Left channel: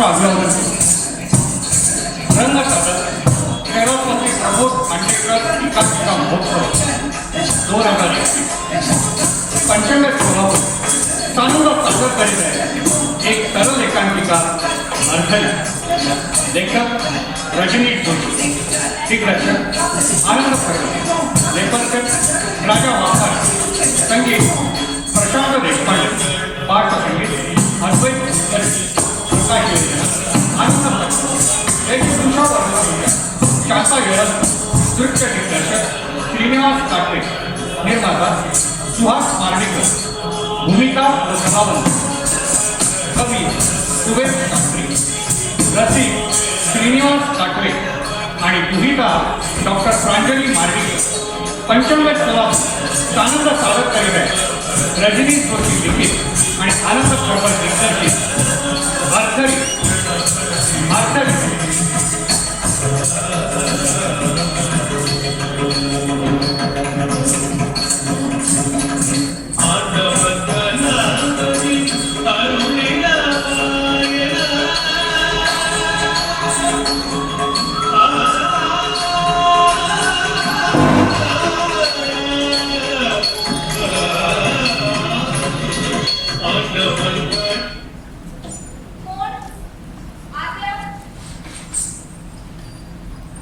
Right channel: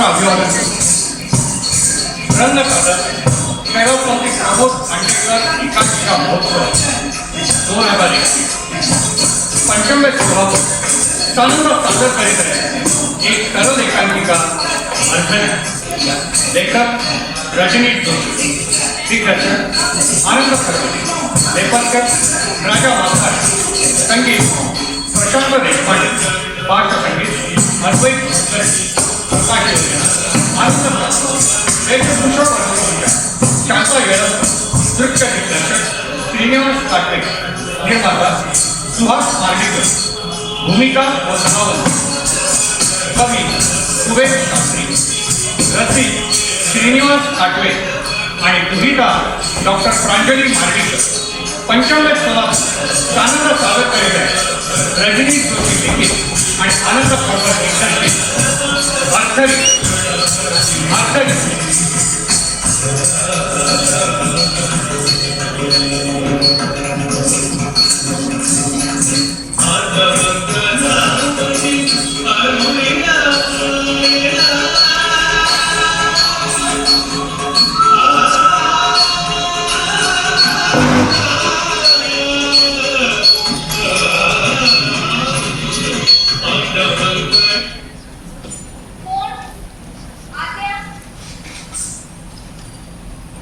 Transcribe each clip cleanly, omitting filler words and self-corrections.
नम्र अभिवादन रंग साधन खेळामध्ये प्रमोद खांडेकर एकांकिका महोत्सव 2021 पंचम्य समारोह चांगला सादर करीत आहे एक सरळ एकांकिका अर्धनी लेखक रजनी जोशी दिग्दर्शक आनंद खडसे लेखक राजा महाराज संगीत प्रशांत देशपांडे पार्श्वसंगीत अद्वैत प्रकाश आनंद वेशभूषा शांता वेळा नृत्य दिग्दर्शक श्रीनिवास काटे निर्माता सुहास मार्डीकर भूमिका व कलावंत कवी सुवेद शास्त्री रसिक श्रीनिवास काटवे आणि दुहिता डॉक्टर प्रांजली मार्डीकर पंचम्य आनंद सादर करीत आहे रजनी जोशी लिखित आणि आनंद खडसे दिग्दर्शित अर्थरी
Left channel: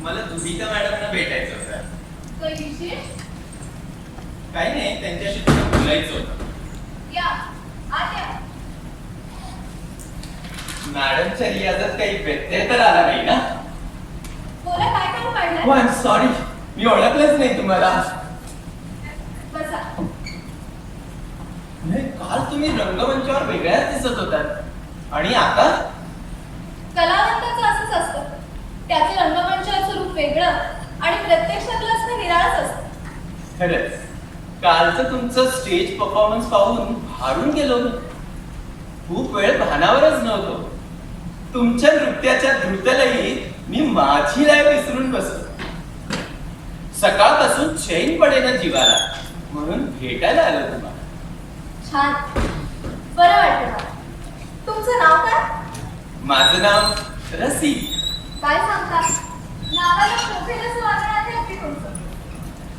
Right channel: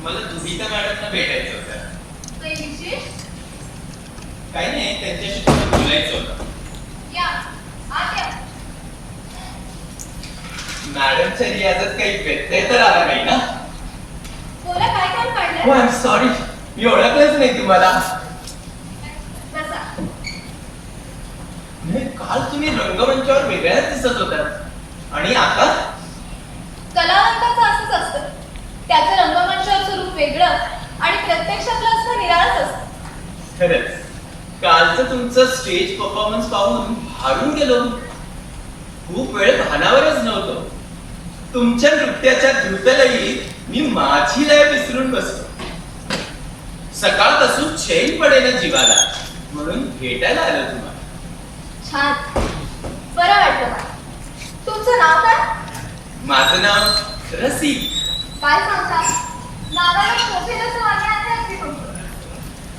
मला दुहिता मॅडमना भेटायचं होतं. काही विशेष? काही नाही, त्यांच्याशी थोडं बोलायचं होतं. या आत या. मॅडमच्या रियाजात काही व्यत्यय तर आला नाही ना? बोला, काय काम काढलंय? आय एम सॉरी, मी ओळखलंच नाही तुम्हाला. बसा. नाही, काल तुम्ही रंगमंचावर वेगळ्याच दिसत होतात आणि आता कलावंताचं असंच असतं. त्याचं रंगमंचावरचं रूप वेगळं आणि प्रत्यक्षातलं असणं निराळच असतं. खरंच कालचं तुमचं स्टेज परफॉर्मन्स पाहून भारून गेलो. खूप वेळ भानावरच नव्हतो. तुमच्या नृत्याच्या द्रुतलयीत मी माझी लय विसरून बसलो. सकाळपासून चैन पडेना जीवाला, म्हणून भेटायला आलो तुम्हाला. छान, बरं वाटलं मला. तुमचं नाव काय? माझं नाव रसिक. काय सांगता? नावाला शोभेलंच वाणे आहे की तुमचं?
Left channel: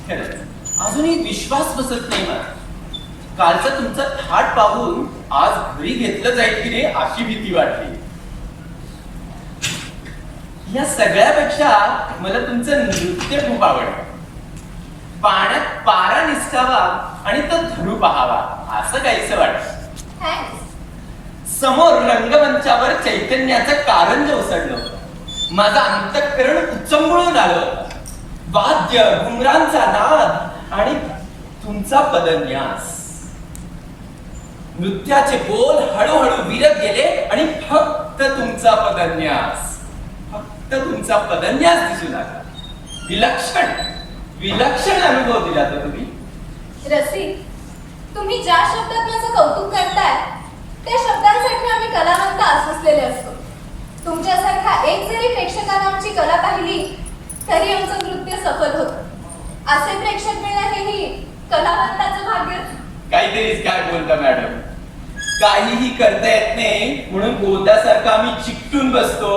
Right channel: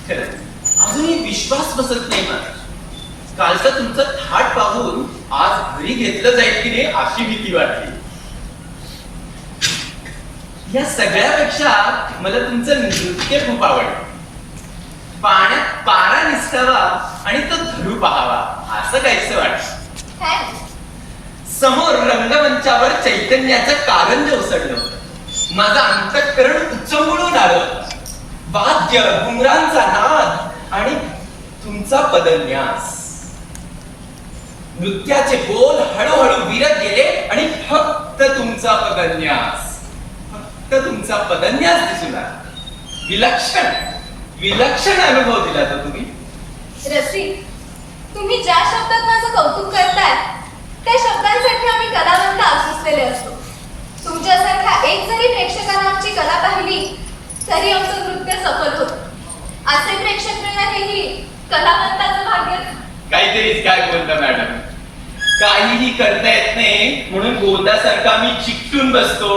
खरंच अजूनही विश्वास बसत नाही मला. कालचा तुमचा थाट पाहून आज घरी घेतलं जाईल की नाही अशी भीती वाटली. या सगळ्यापेक्षा मला तुमचं नृत्य खूप आवडतं. पाण्यात पारा निसटावा आणि तो धरू पाहावा असं काहीच वाटतं. थँक्स. समोर रंगमंचावर चैतन्याचं कारंज उसळलं होतं. माझं अंतःकरण उचंबळून आलं होतं. वाद्य घुमरांचा नाद आणि तुमचा पदन्यास. नृत्याचे बोल हळूहळू विरत गेले आणि फक्त तुमचा पदन्यास दिसून आला. विलक्षण अनुभव दिला तो तुम्ही. रसिक, तुम्ही ज्या शब्दात माझं कौतुक करताय त्या शब्दांसाठी आम्ही कलावंत आसुसलेले असतो. तुमच्यासारख्या एक जरी प्रेक्षकाने आमची कला पाहिली तरी आमचं नृत्य सफल होतं. असे प्रेक्षक मिळणं हेही कलावंताचं भाग्य. काहीतरीच काय बोलता मॅडम. काहीही करता येत नाही म्हणून बोलतासारखा मी चिकटून बसतो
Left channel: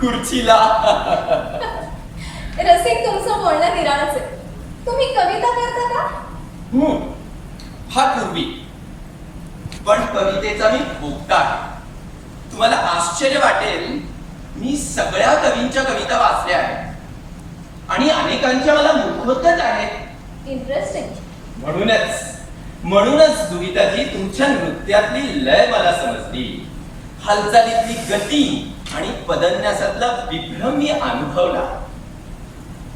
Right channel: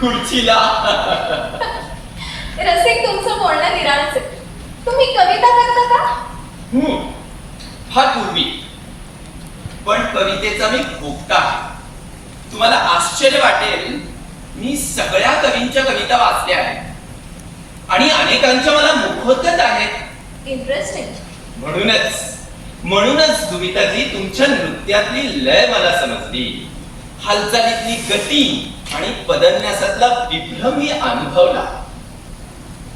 खुर्चीला. रसिक, तुमचं बोलणं निराळच आहे. तुम्ही कविता करता का? हा पूर्वी, पण कवितेचा मी भोगता आहे. तुम्हाला आश्चर्य वाटेल, मी सगळ्या कवींच्या कविता वाचल्या आहेत आणि अनेकांच्या मला मुखोद्गत आहेत. इंटरेस्टिंग. म्हणूनच दुहिताजी तुमच्या नृत्यातली लय मला समजली. हालचालीतली गती आणि पदन्यासातला विभ्रम मी अनुभवला.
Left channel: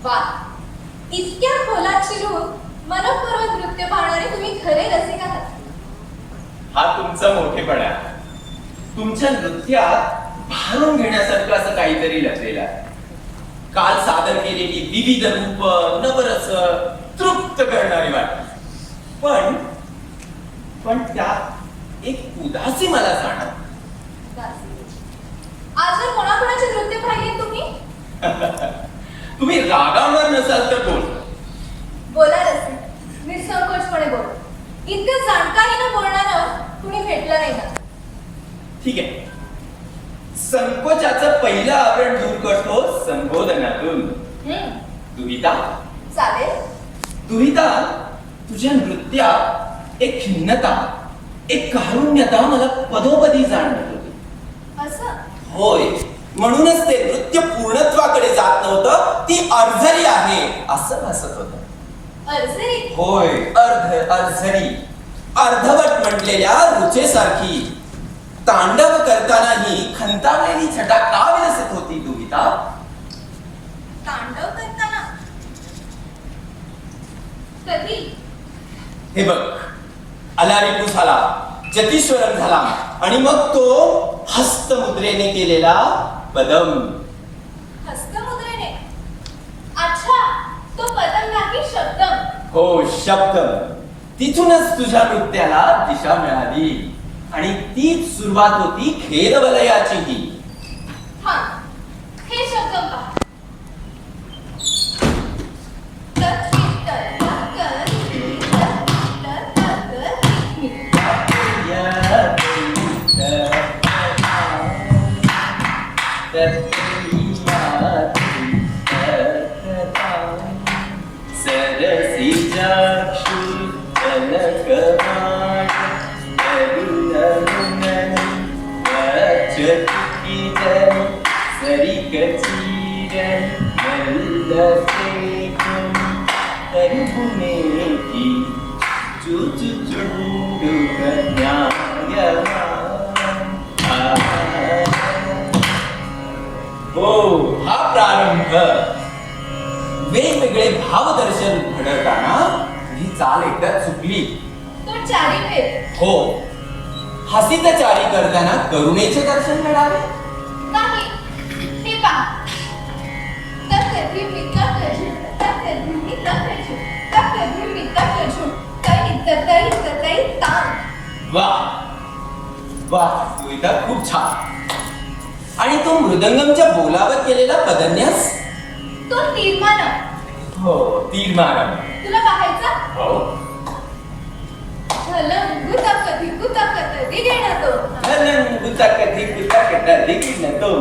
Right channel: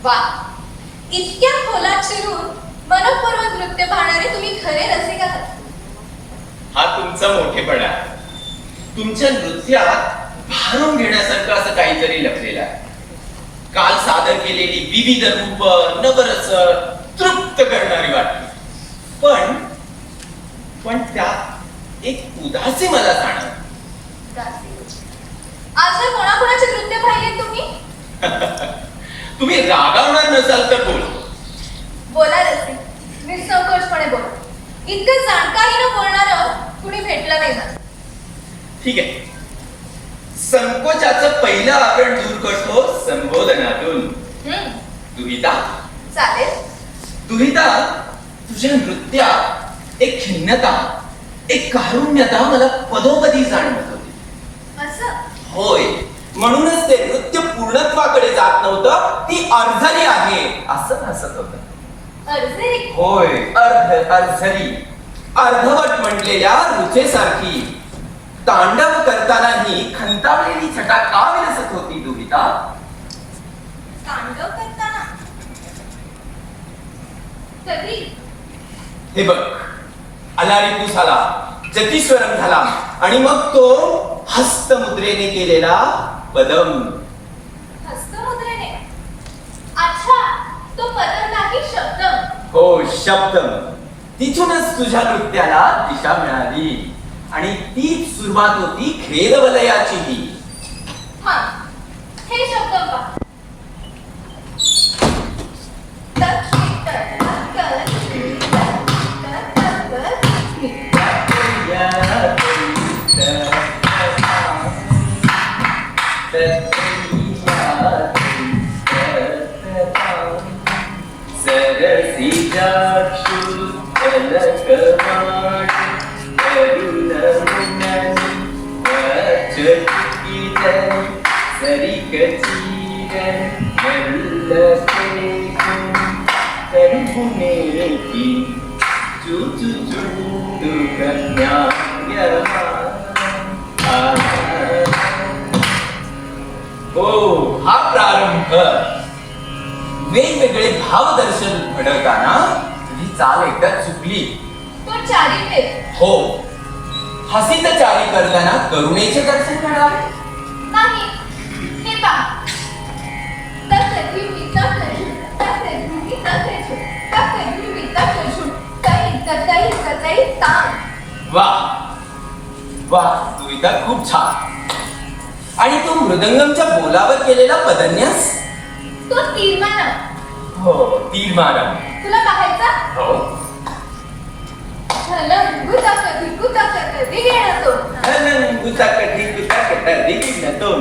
वा, इतक्या खोलात शिरून मनपूर्वक नृत्य पाहणारे तुम्ही खरे रसिक आहात. हा तुमचा मोठेपणा आहे. तुमच्या नृत्यात भारून घेण्यासारखं असं काहीतरी लपलेलं आहे. काल सादर केलेली विविध रूप नवरस तृप्त करणारी वाटली. पण त्यात एक उदासी मला जाणवली. आजवर कोणाकोणाचे नृत्य पाहिले तुम्ही? तुम्ही रागावणार नसाल तर बोला रसिक, निसंकोचपणे बोला. इतकं जाणकारीनं बोलणारं कुणी भेटलं नाही मला. ठीक आहे, संकोचाचं पहिलं आवरण दूर करतो संबोधनातून. हम्म, दुहिता, चालेल. दुहिता, तुझ्या नृत्यात एक खिन्नता, एक कारुण्यता मला पदोपदी जाणवत होती. असं? होय, म्हणूनच ते नृत्य पूर्णत्वाकडे जात नव्हतं. ती अर्धरी आहे असं भासत होतं. अर्धरी? होय, अर्धरी, अर्धवट म्हटलेल्या रुचेसारखी. तांडव करतानाही खंतावलेली छटा का विलसत होती दुहिता? तांडव करताना? कधी? हे बघ, अलारिपू झाला, जतीश्वरम झाला आणि मग तो हस्तमुद्रेने केलेला पदम. हस्तमुद्रेने? अच्छा, तो पदम नाही, शब्दम. हो, शब्दम. तिथूनच तुझ्या नृत्याला दिशा मिळाली आणि तीच सुरुवात होती खेदवलयाचीही. हा, हे शब्दम पहा. हो, हा प्रारंभ. वेगवेगळे भावदर्शन घडवताना तुझी चाल एकदा चुकली. तो चारी फेर. हो, हसीत चाली करताना करुणेचे दर्शन घडावे. नाही, हे पहा. तकधी मी तकजू, तकधी मी तकजू, तकधी मी तकजू, तई तई तई ताम. वा वा, दुहिता, खूप छान. आणि तो मृदंगमच्या बोलावर केलेला पदन्यास? तो तीर्मान. हो, तीर्मान. तुला पाहायचा? हो. झलम गुताकधी गुताकधी गेला तो. हलन गुताकधी गुताकधी गिळला तो.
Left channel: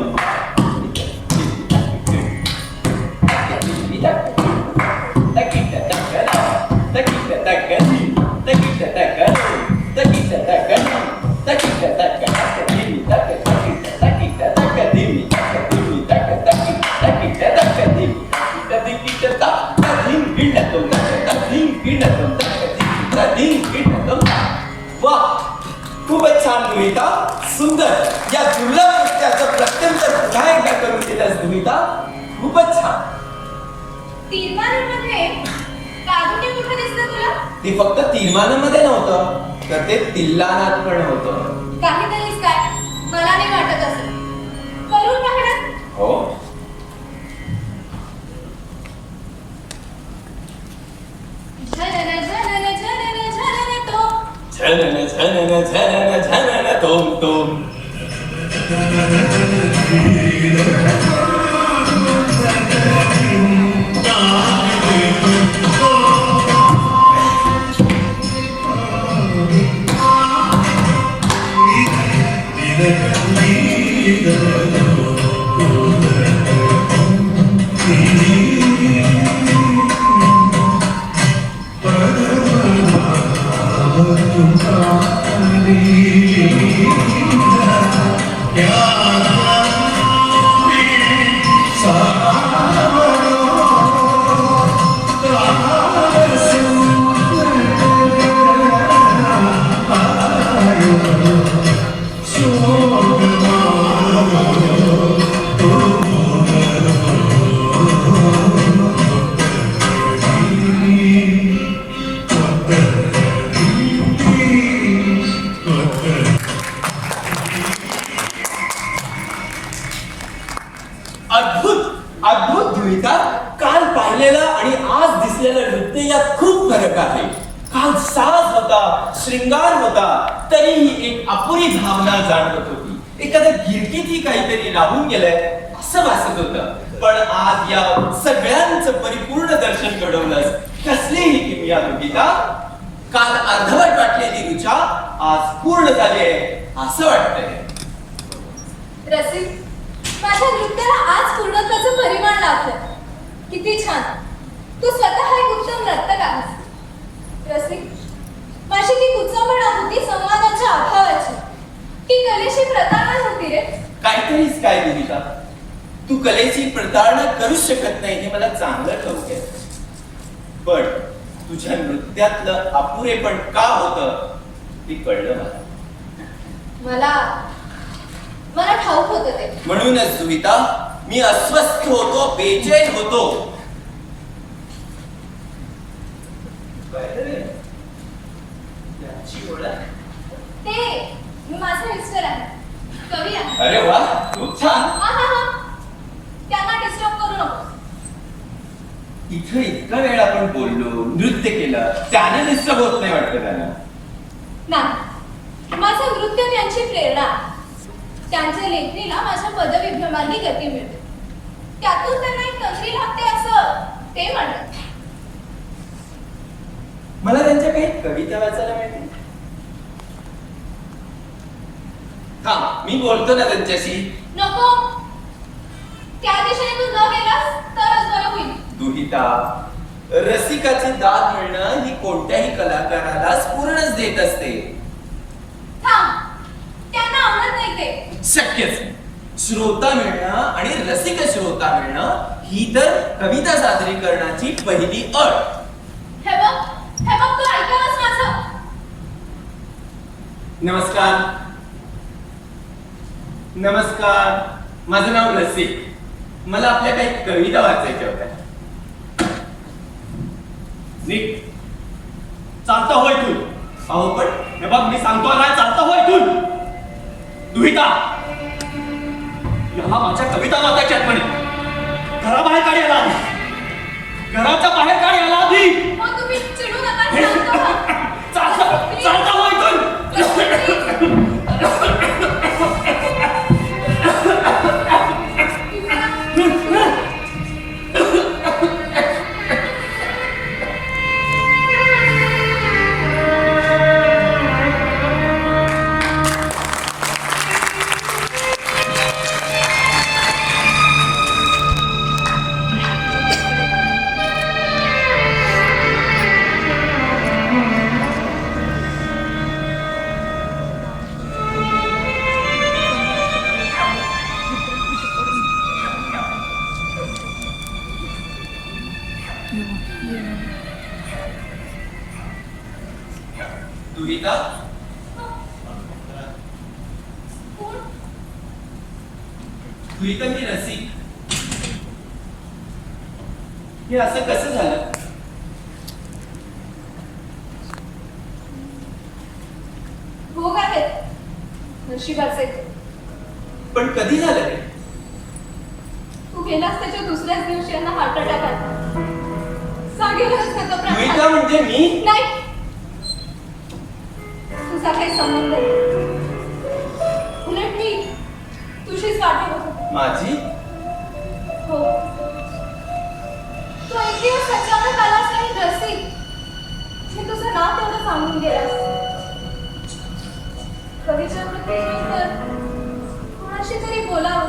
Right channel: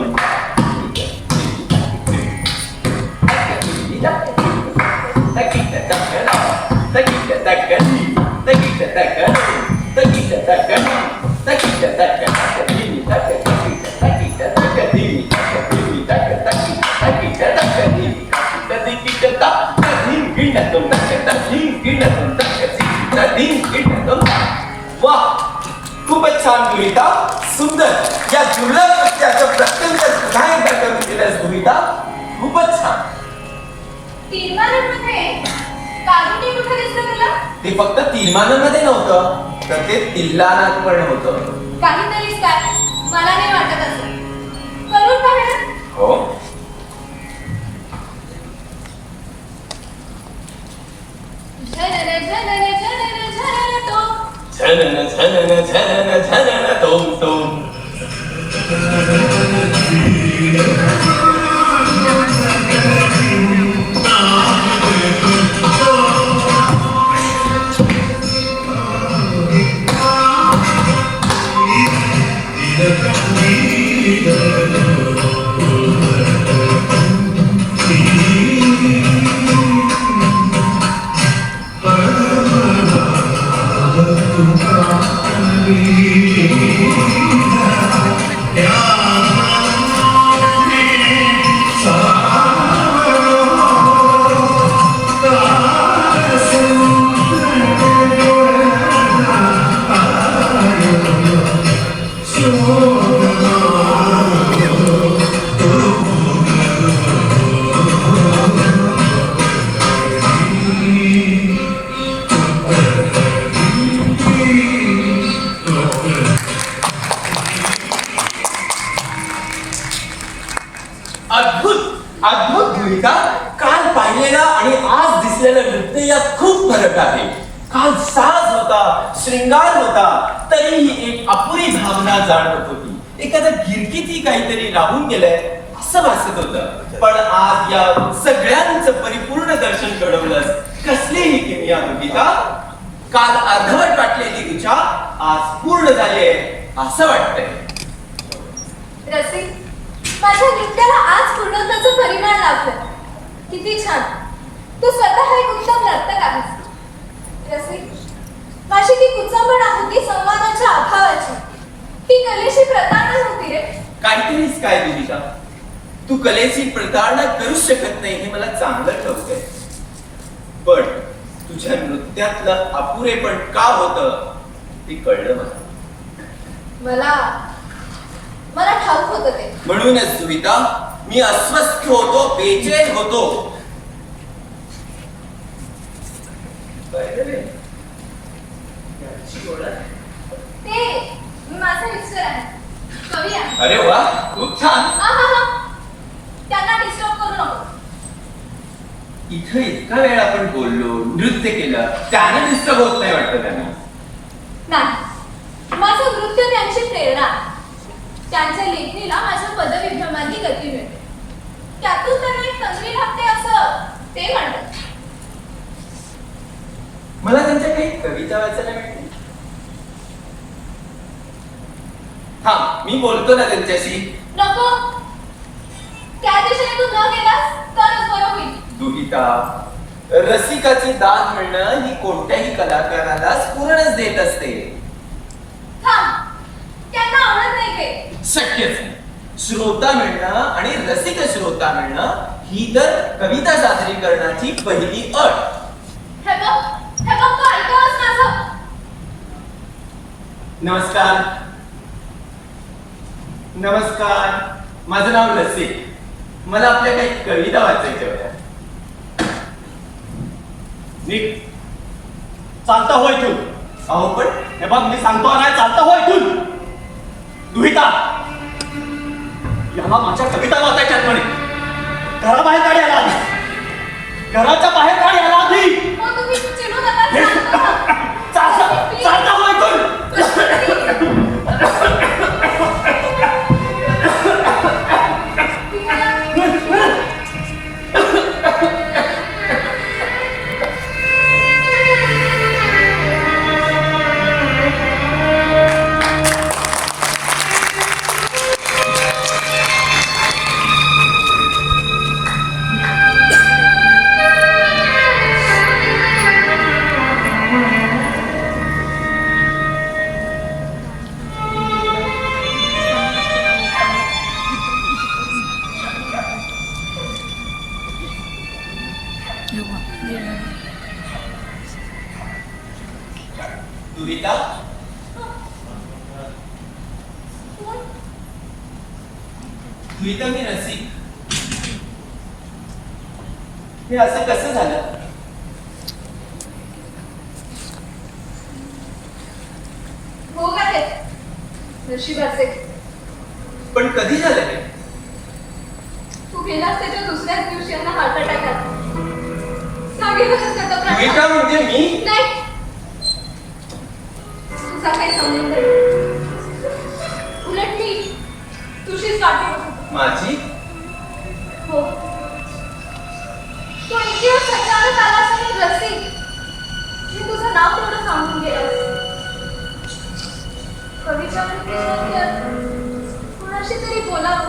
वा, खूपच छान दुहिता, सुंदर. या दुर्लभ नृत्याचं प्रत्यंतर पुन्हा एकदा करून दिलंस दुहिता, खूपच छान. तीर्मानामध्ये कारुण्य कुठे दिसलं तुला? ते फक्त तीर्मानामध्ये नव्हतं, तर ते तिल्लानात पण होतं. काहीतरीच काय, मला नाही वाटत असं. करून पाहणार? हो. झनन झनन झनन झनन तो. झनन झनन झनन झनन तोम तोम. अद्भुत अद्भुत दुहिता. काल पाहिलेला आणि आज दिसलेलं नृत्य यात खूप फरक आहे. काल साज होता, श्रृंगार होता, तरीही एक अपुरी भावना जाणवत होती. एखाद्या गिरकीतही काहीतरी राहून गेलंय असं भासत होतं. पण आज या सगळ्यांचं परिपूर्ण दर्शन घडवलंस. कसलीही किमया दुहिता. काल अर्धवट वाटलेली ऋचा आज पूर्ण झालीये असं वाटतंय. रसिक, माझ्या नृत्याला आज पूर्णत्वाचं परिमाण लाभलं. किती छान. तू स्वतः एक उत्तम नर्तक आहेस. रसिक, माझी ती कुचंबणा होती संवादाच्या अभावाची. ती कलेशी प्रतारणा होती रे. काहीतरीच काय भूमिका, तू कलेची प्रतारणा करूच शकत नाही हे मला चांगलं ठाऊक आहे. पण तुझ्या नृत्यातलं अपुरेपण का होतं ते कळलं मला. मला ठाऊक होतं ते. म्हणूनच सुविता, मी अस्वस्थ होतो, बेचैन होतो. याची ओळख? ते माझे मिस्टर आहे, कवी आहे. अरे वा, खूप छान. आहा, त्यांना डिस्टर्ब करू नको. इथं इतका वेळ आपण बोललो, नृत्य केलं, त्याने डिस्टर्ब होत नाही वाटतं त्यांना. नाही, माझं नृत्य त्यांची प्रेरणा आहे. त्यांच्या लेखणीला माझ्या पदविभ्रमांनी गती मिळते. त्यातून त्यांना एक तंद्री लागते असं ते म्हणतात. मला त्यांच्या काही कविता वाचायला मिळते. हा, मी बोलतो ना त्यांच्याशी. नको, त्या दिशेने तू न गेलास तरच बरं होईल. दुहिता, रसिकाची दाद मिळणं ही कोणत्याही कलाकाराला पूर्णच देत असते. थांब, त्यांना आवडत नाही ते. शक्यच नाही. श्रोता मिळणं आणि रसिक श्रोता मिळणं ही तर कविता सादरीकरणाची पहिली अट. हे बघ तू ऐकवस माझं. नमस्कार. नमस्कार, माझं नाव रसिक. मला आपल्या काही कविता वाचायच्या होत्या. नीट चालतं होय तू. अहो पण हे बघ, मी सांगतो नाही, चालतं होय तू. दुहिता, याला माझ्या कविता वाचायच्यात म्हणे. घराबाहेर काय याला आधी, घराच्या बाहेर काय याला आधी. मग तुम्ही चिडू नका. चालतं होय तू. दुहिता, दुहिता, मी रसिक. हे असं कसं झालं? भोग आहेत नशिबाचे. पण कधी झालं हे? तू गेलास त्याच्या दुसऱ्याच दिवशी यांना हार्ट अटॅक आला. जागेवरच नका दुहिता प्राण. म्हणजे मी? नाही, तुझा काही संबंध नाही. उलट मी तुझीच वाट बघते. माझी? हो, तू एक दिवस अचानक आलास आणि रसिक, मी तुझं नाव तेवढं सांगून गेलास. कवीच्या मृत्यूनंतर कुणाशी तरी बोलावं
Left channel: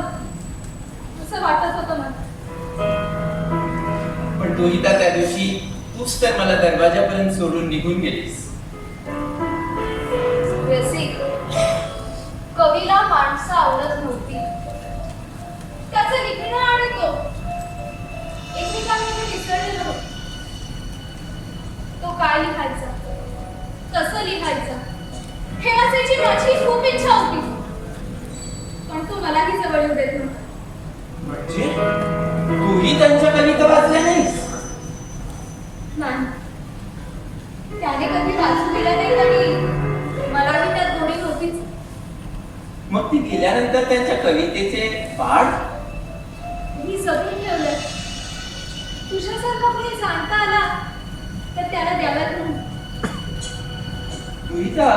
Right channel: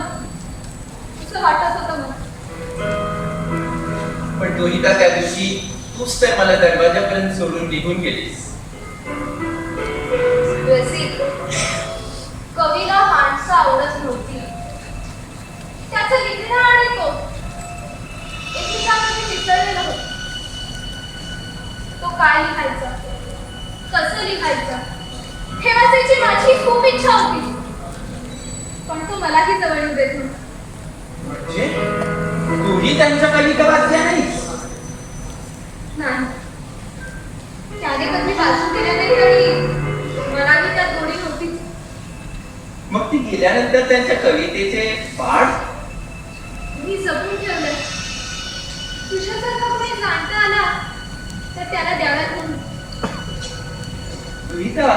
असं वाटत होतं मला. पण दुहिता, त्या दिवशी तूच तर मला दरवाजापर्यंत सोडून निघून गेलीस. रसिक, कवीला माणसं आवडत नव्हती. त्याचं लिहिणं आणि तो एकमेकांमध्ये मिसळलेलं होतं. तो काय लिहायचा, कसं लिहायचं हे वाचायची माझी खूप इच्छा होती. पण तू मलाही जवळ येऊ देत नव्हता. म्हणजे तूही त्यांच्या कविता वाचल्या नाहीस? नाही, त्याने कधी वाचून दिल्या नाही तरी मलाही त्यात गोडी नव्हतीच. मग ती गेल्यानंतर त्यांच्या कवितेचे पाठ मी जपून ठेवलंय. तुझ्यासारखा कोणी जाणता आला तर त्याला द्याव्यात म्हणून. दुहिता,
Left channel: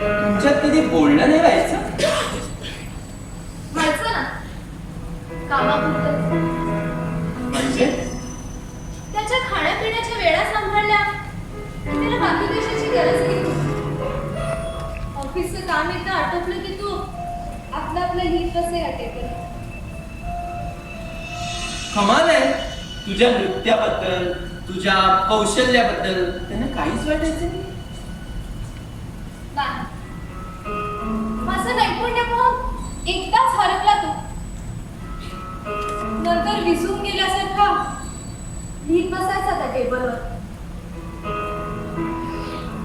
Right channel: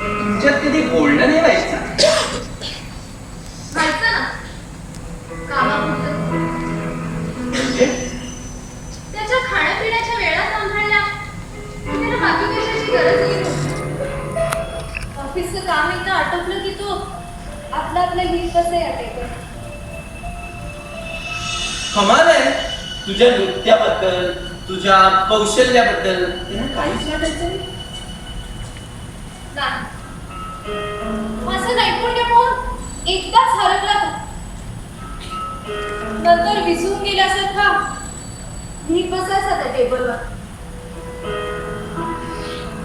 तुमच्यात कधी बोलणं नाही व्हायचं? व्हायचं ना, कामापुरतं. म्हणजे त्याच्या खाण्यापिण्याच्या वेळा सांभाळल्या की त्याला बाकी कशाची गरजही नव्हती. ऑफिसचं काम एकदा आटोपलं की तो आपलं आपलं नीट कमाल आहे. तुझ्या नृत्याबद्दल, तुझ्या कौशल्याबद्दल त्यांना काहीच वाटायचं नाही. नाही. माझं नैपुण्य पाहून एकदाच हरपला तू. नंतर विसून गेल्यासारखा नीट बसायचा त्या टेबलवर.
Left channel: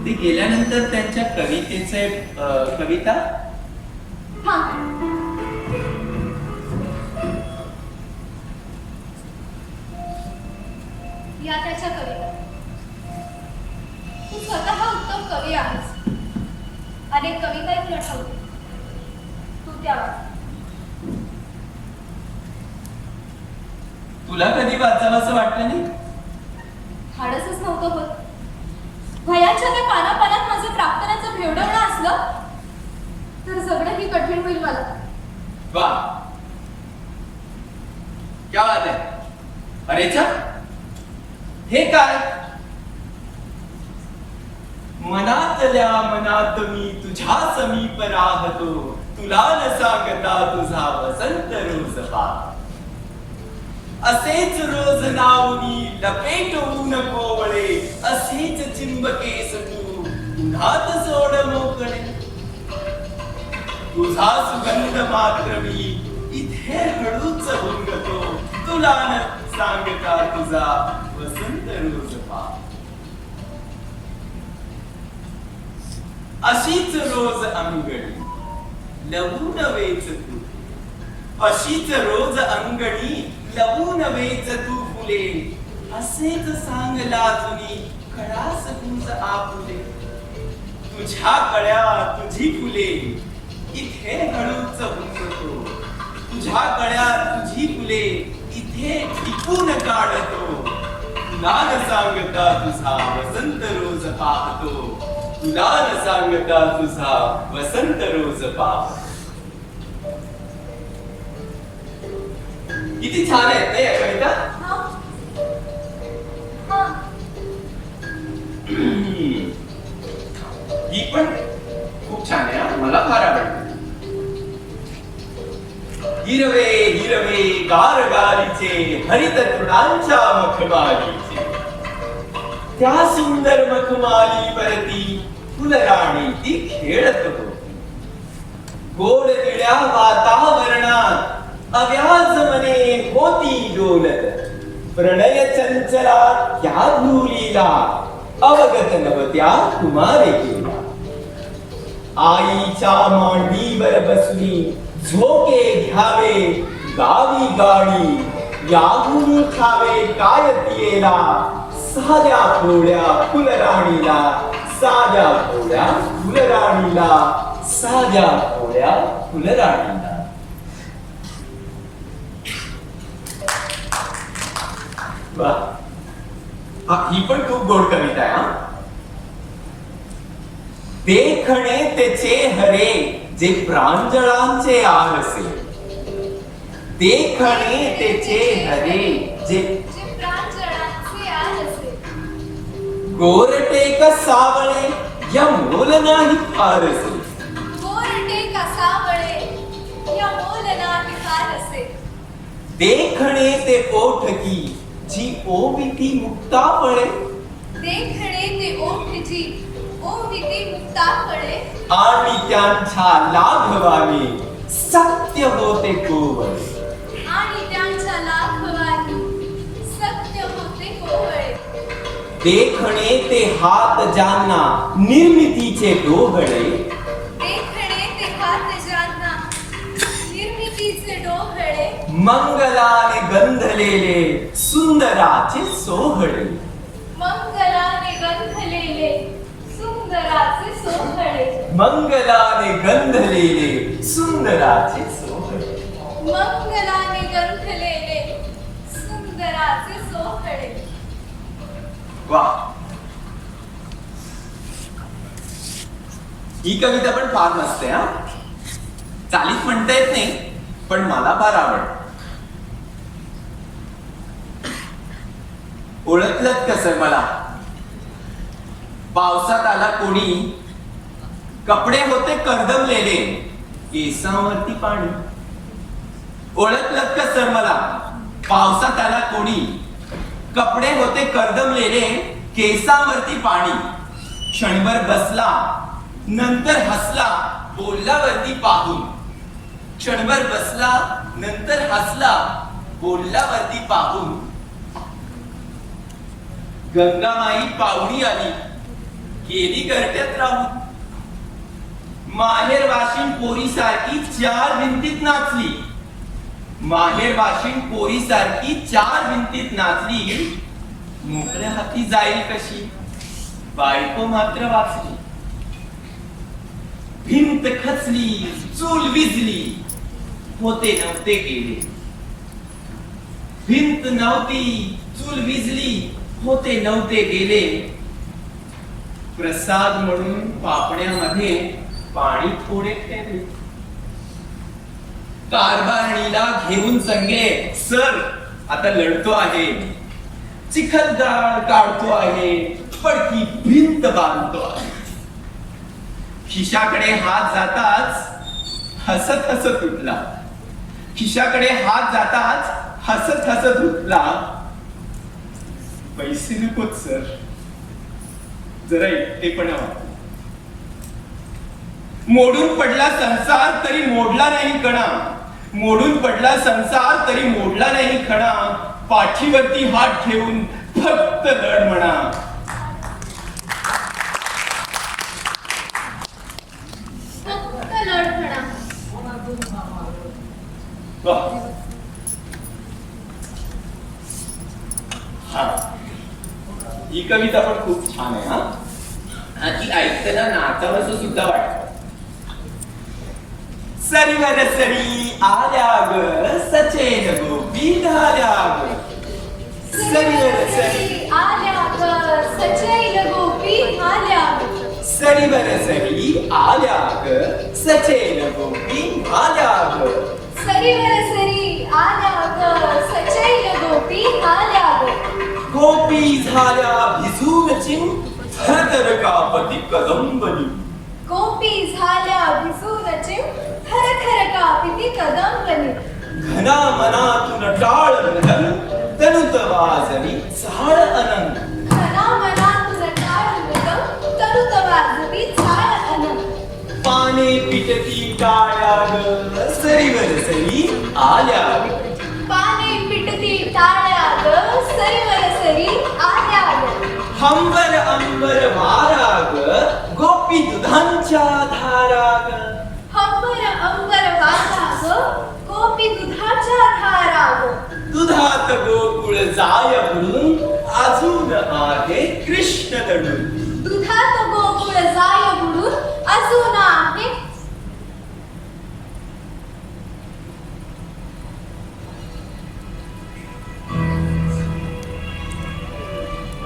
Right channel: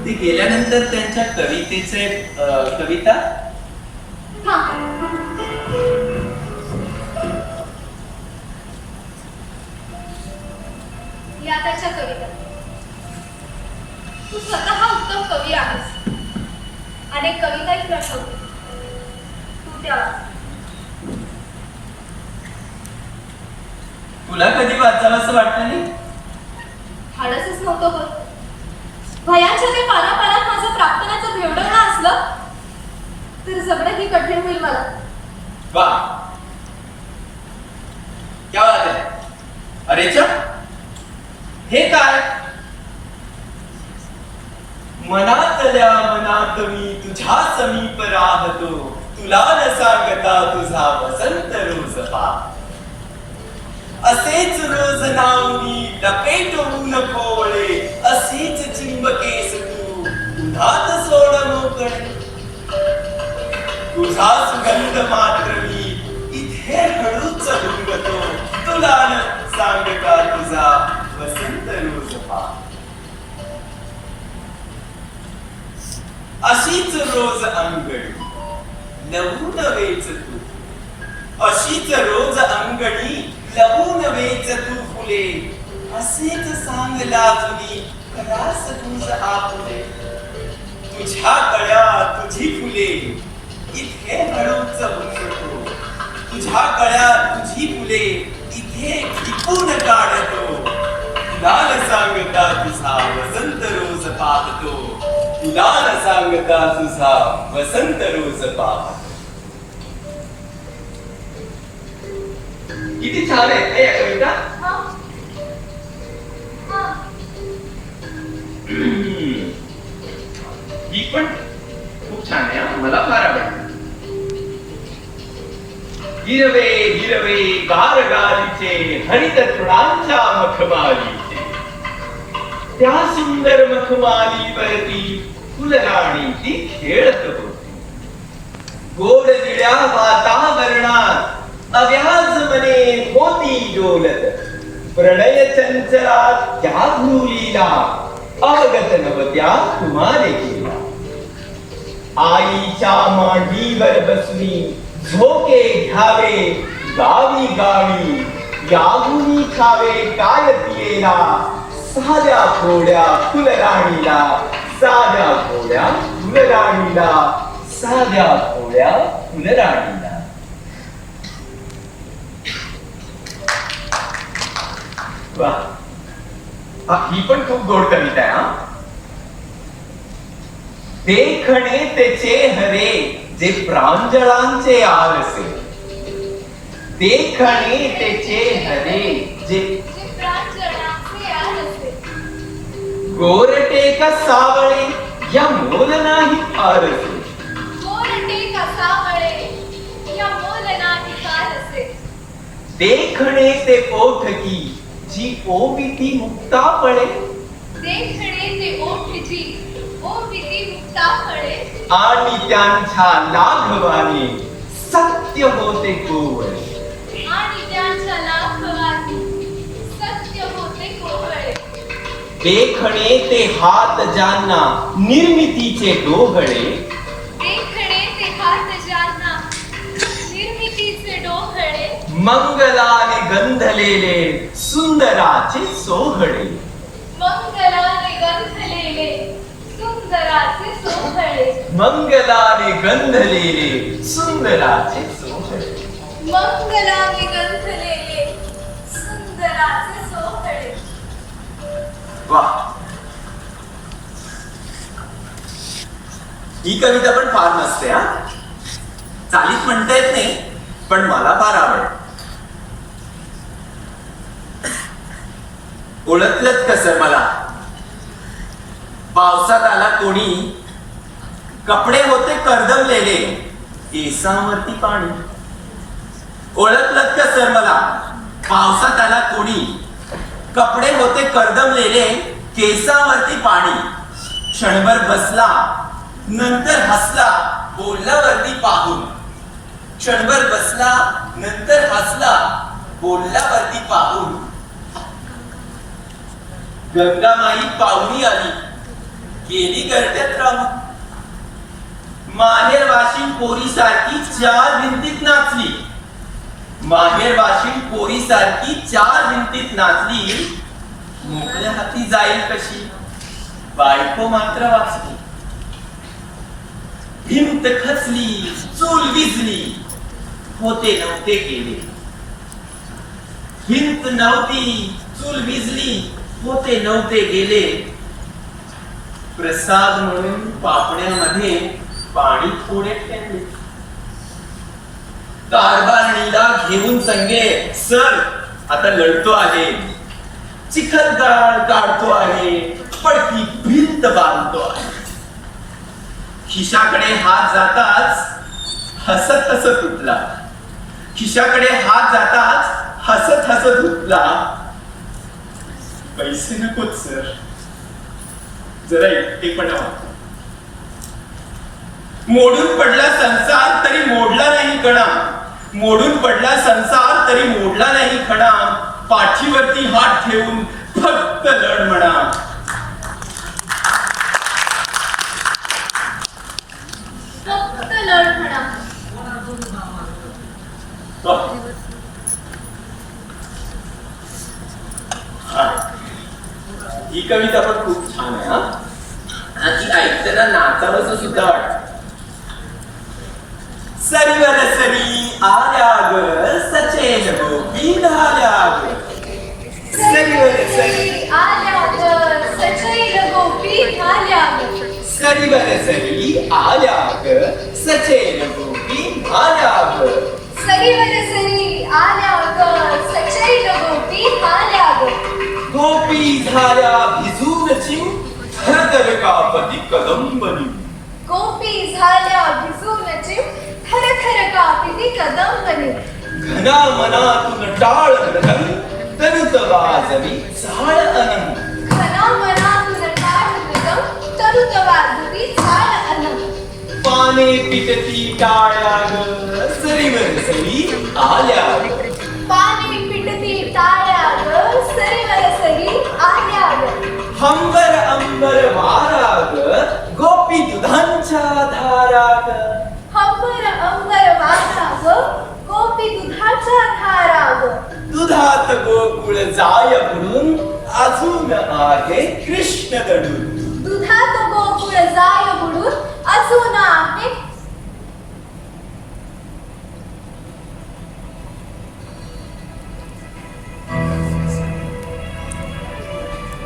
ते गेल्यानंतर त्यांच्या कवितेचे कविता हा, या त्याच्या कविता. तू स्वतः उत्तम कवी आहेस. अनेक कविताही तुला ठेवते. तू त्या तुला कधी वाचावं असं वाटलं नाही? धाडसच नव्हतं होत. भयांच्या त्या पानापानात माझं प्रार्थनाचं भेवडं असलं तर जगणंही कठीण होईल मला. वा, क्या बात आहे. अरे च, हे काय? मनातल्या मनात मी तुझ्या समीप राहतो, तुला न सांगता तुझा वसंत रोज पा. असेच रोज नाव मी लपेटवू नको वळे, असेच चिंबकेस तू उन्हात सोड मोकळे. तुझा सुगंध मात्र मी इथे हळूच हुंगतो, तुला न सांगता तुझा वसंत रोज पा. अशीच रोज अंगणी लवून वेच तू, अशीच रोज अंगणी लवून वेच तू फुले. असेच सांगला तुनी कळास तुझ आपुले. तुझ्या कळ्या तुझी फुले इथे हळूच हुंगतो, तुझ्या कळ्या तुझी फुले इथे टिपून काढतो. तुला न सांगता तुझा वसंत रोज पाहतो, तुला न सांगता तुझा वसंत रोज पाहतो. किती छान आहेत ना या कविता. हा, हा. ही पण खूप छान आहे हा. मला फार आवडते. हिरवे हिरवे गार गालीचे हरित तृणांच्या मखमालीचे, त्या सुंदर मखमालीवरती फुलराणी ती खेळत होती. गोड दिड्या वातावरणात अव्याज मने होती डोलत. प्रणय चंचलात त्या भूलीला अवगत नवत्या कुमारी केला. आईच्या मांडीवर बसली झोके घ्यावे गावी गावी, यागुनी खावे काय तियेला. साध्या थोड्या फुलराणीला, साध्या थोड्या फुलराणीला, साध्या थोड्या फुलराणीला. ही पण खूप गोड कविता आहे हा. देखणे ते चेहरे जे प्रांजळांचे आरसे, देखणे ते चेहरे जे प्रांजळांचे आरसे. गोरटे का सावळे या मोल नाही फारसे. गोरटे कसावळे या मोल नाही फारसे. देखणे ते ओठकी जी ओविती मुक्ताफळे. देखणे ते ओठजी ओविती मुक्ताफळे. आणि त्यांच्या लाघवाने सत्य होते कोवळे. आणि त्यांच्या लाघवानी सत्य होते कोवळे. देखणे ते हात ज्यांना निर्मितीचे डोहळे. देखणे ते हात ज्यांना निर्मितीचे डोहळे. मंगलाने गंधलेले सुंदराचे सोहळे. मंगलाने गंधलेले सुंदराचे सोहळे. मंगलाने गंधलेले सुंदराचे सोहळे. मंगलाने गंधलेले सुंदराचे सोहळे. वा, ही कविता पण फार मस्त आहे हा. चालीत म्हणता येत नाही पण मला फार आवडते. ओळखलंच कसं मला? पावसात आला कोणी, कपडे होते कर्दमलेले, केसांवरती पाणी. ओळखलंच कसं मला? पावसात आला कोणी, कपडे होते कर्दमलेले, केसावरती पाणी. क्षणभर बसला, नंतर हसला, बोलला वरती पाहून. क्षणभर बसला, नंतर हसला, बोलला वरती पाहून. गंगामाई पाहुणी आली, गेली गर्ट्यात राहून. माहेर वाशिम पोरी सारखी 4 भिंतीत नाचली. माहेर वाशिम पोरी सारखी 4 भिंतीत नाचली. मोकळ्या हाती जाईल कशी, बायको मात्र वाचली. भिंत खचली, चूल विझली, होते नव्हते गेले. भिंत नव्हती, चूल विझली, होते नव्हते गेले. प्रसाद म्हणून पापण्यामध्ये पाणी थोडे ठेवले. कारभारणीला घेऊन संगे, सर आता लढतो आहे, चिखलदार काढतो आहे, पडकी भिंत बांधतो आहे. खिशाकडे हात जाताच हसत हसत उठला. खिशाकडे हात जाताच हसत हसत उठला. पैसे नकोत सर, जरा एकटेपणा वाटतो. मोडून पडला संसार तरी मोडला नाही कणा. मोडून पडला संसार तरी मोडला नाही कणा. पाठीवरती हात ठेवून फक्त लढ म्हणा. फक्त लढ म्हणा. ही कविता पण खूप छान आहे. हा ती ऐकताना नाचावंसं सुद्धा वाटतं. सरीवर सरी आल्या ग, सचेन गोपी झाल्या ग. सरीवर सरी आल्या ग, सचैल गोपी आल्या ग. सरीवर सरी आल्या ग, सचेन गोपी झाल्या ग. सरीवर सरी आल्या ग, सचैल गोपी आल्या ग. गोपी झाल्या भिजून चिं, थरथर कापती कदंबनी. गोपी झाल्या भिजून चिं, थरथर कापिती कदंबनी. घना मनातून टाळ मृदंग, तनुत वाजवी चाळ अनंग. घना मनातून टाळ मृदंग, तनुत वाजवी चाळ अनंग. पाने पिटती टाळ्या ग, सरीवर सरी आल्या ग. पाने पिटती टाळ्या ग, सरीवर सरी आल्या ग. हंबर अंबर वारा ग, गोपी दुधांच्या धारा ग. हंबर अंबर वारा ग, गोपी दुधाच्या धारा ग. दुधात गोकुळ जाय बुडून, अजून आहे कृष्ण दडून. दुधात गोकुळ जाय बुडून, अजून आहे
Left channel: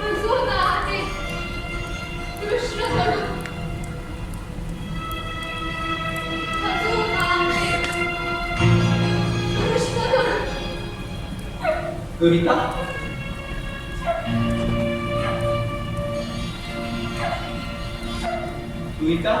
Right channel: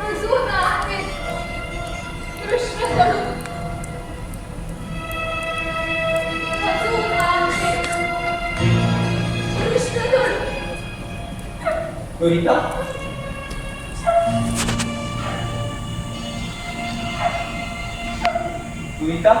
अजून आहे कृष्ण दडून. अजून आहे कृष्ण दडून. दुरिता दुरिता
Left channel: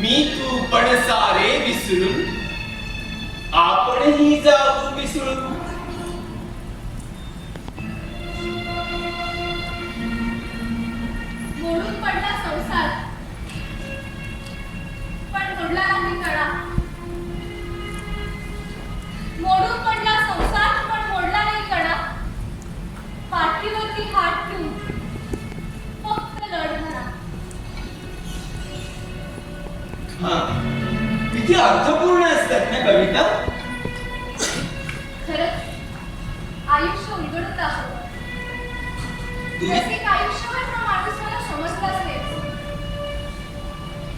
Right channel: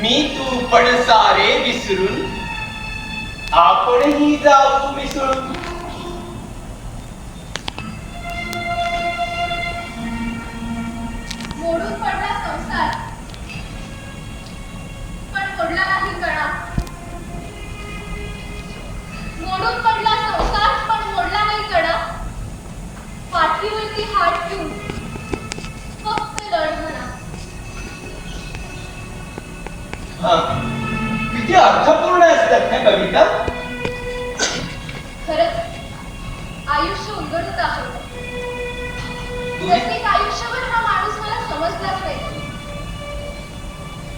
मी तू पण सारे विसरून, आपणही जाऊ मिसळून. मोडून पडला संसार, पण मोडला नाही कणा. मोडून पडला संसार, पण मोडला नाही कणा. पाठीवरती हात ठेवून फक्त लढ म्हणा. हा, किती अर्थपूर्ण असतात ना कविता. खरंच आयुष्य उलगडून दाखवतं. प्रत्येक आयुष्यावर हा माणूस मला समजलाच नाही.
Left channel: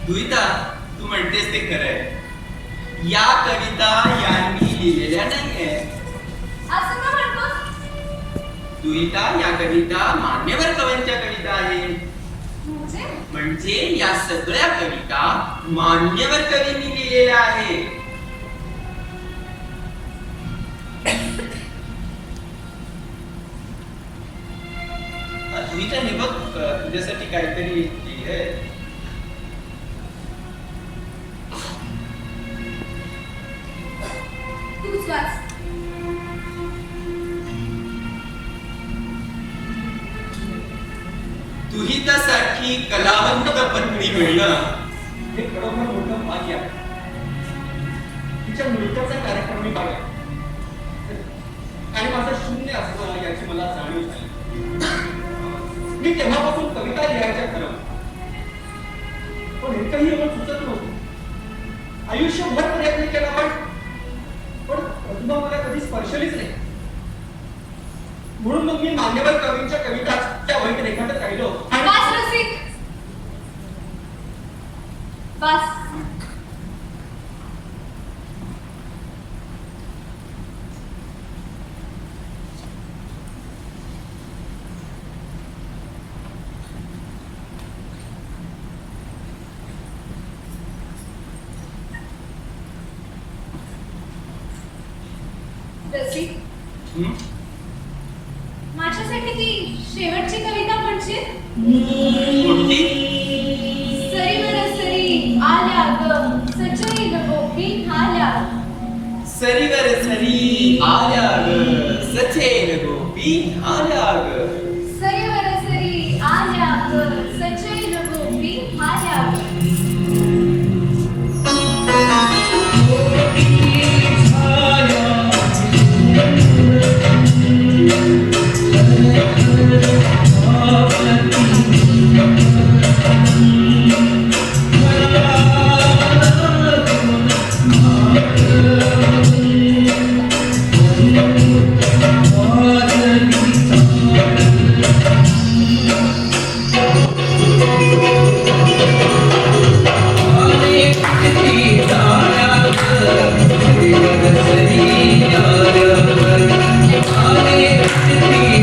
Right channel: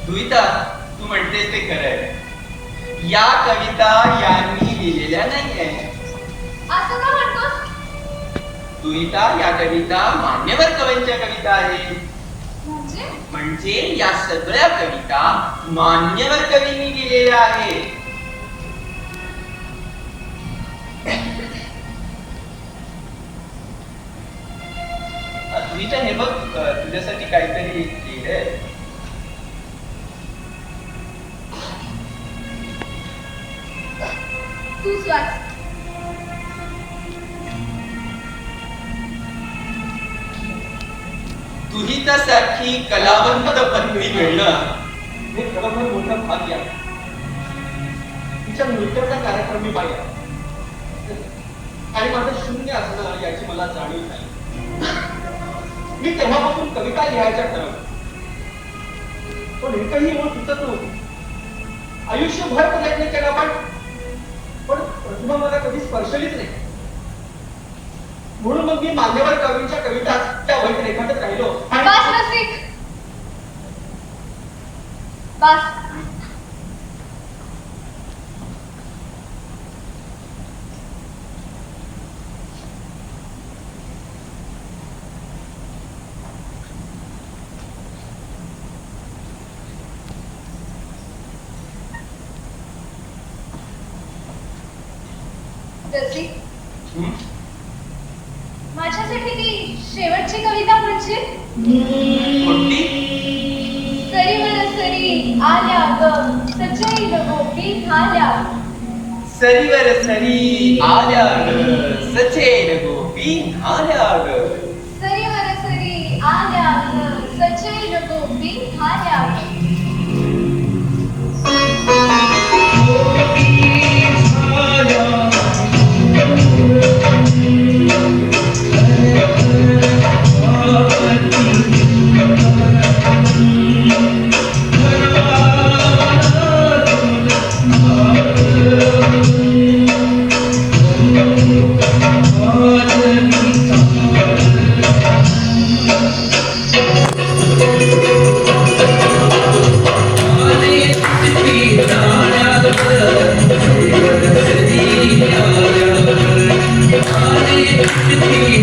दुहिता, तू म्हणतेस ते खरं आहे. या कविता यांनी लिहिलेल्या नाहीये. असं का म्हणतोस? दुहिता, या कविता मान्यवर कवींच्या कविता आहेत. म्हणजे या सगळ्या कविता मान्यवर कवींनी लिहिलेल्या आहेत. तू इथे हे बघ तुझ्यासाठी काहीतरी लिहिलंय. तूच वाच. दुहितासाठी कलावंत पत्नी मिळणं हे खरोखर मोठं भाग्य आहे. तिच्या मृत्यूचा कार्यक्रम मी पाहिला आणि माझं शून्य असणं याची मला जाणीव झाली. मी तेव्हापासून कविता लिहायच्या ठरवलं, पण एकही ओळ सुचत नव्हती. आयुष्यभर प्रयत्न केला पण प्रतिभा मला कधी स्पर्शलीच नाही. म्हणून मग मी मान्यवर कवींच्या कविता त्या वहीत रेखाटत राहिलो आणि वाच रसिक. वाच. रसिक, माझ्यासाठी ती शेवटची कविता म्हणशील? कोणती? सरीवर सरी आल्या ग सचैल गोपी न्हाल्या. सरीवर सरी आल्या ग सचेल गोपी न्हाल्या ग. सरीवर सरी आल्या ग सचैल गोपी न्हाल्या ग. Thank you.